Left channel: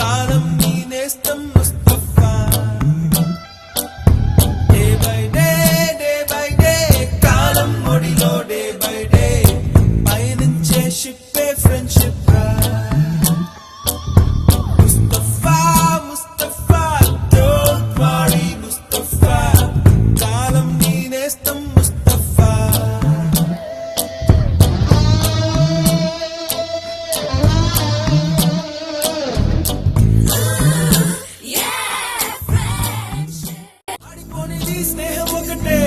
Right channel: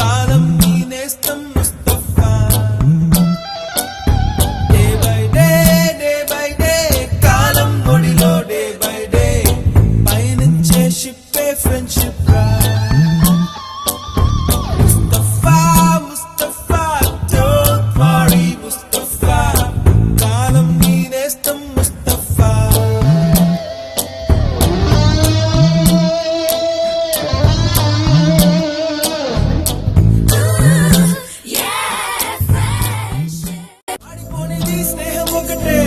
కాలం నీ నేస్తం Mustafa day by day కాలం ఒడిలో డే బై డే పయనించే షిప్పే ఫ్రెండ్షిప్ రా ముస్తఫా ముస్తఫా డోంట్ వరీ ముస్తఫా కాలం నీ నేస్తం ముస్తఫా ఆడిపోనిది స్నేహం ఒకటే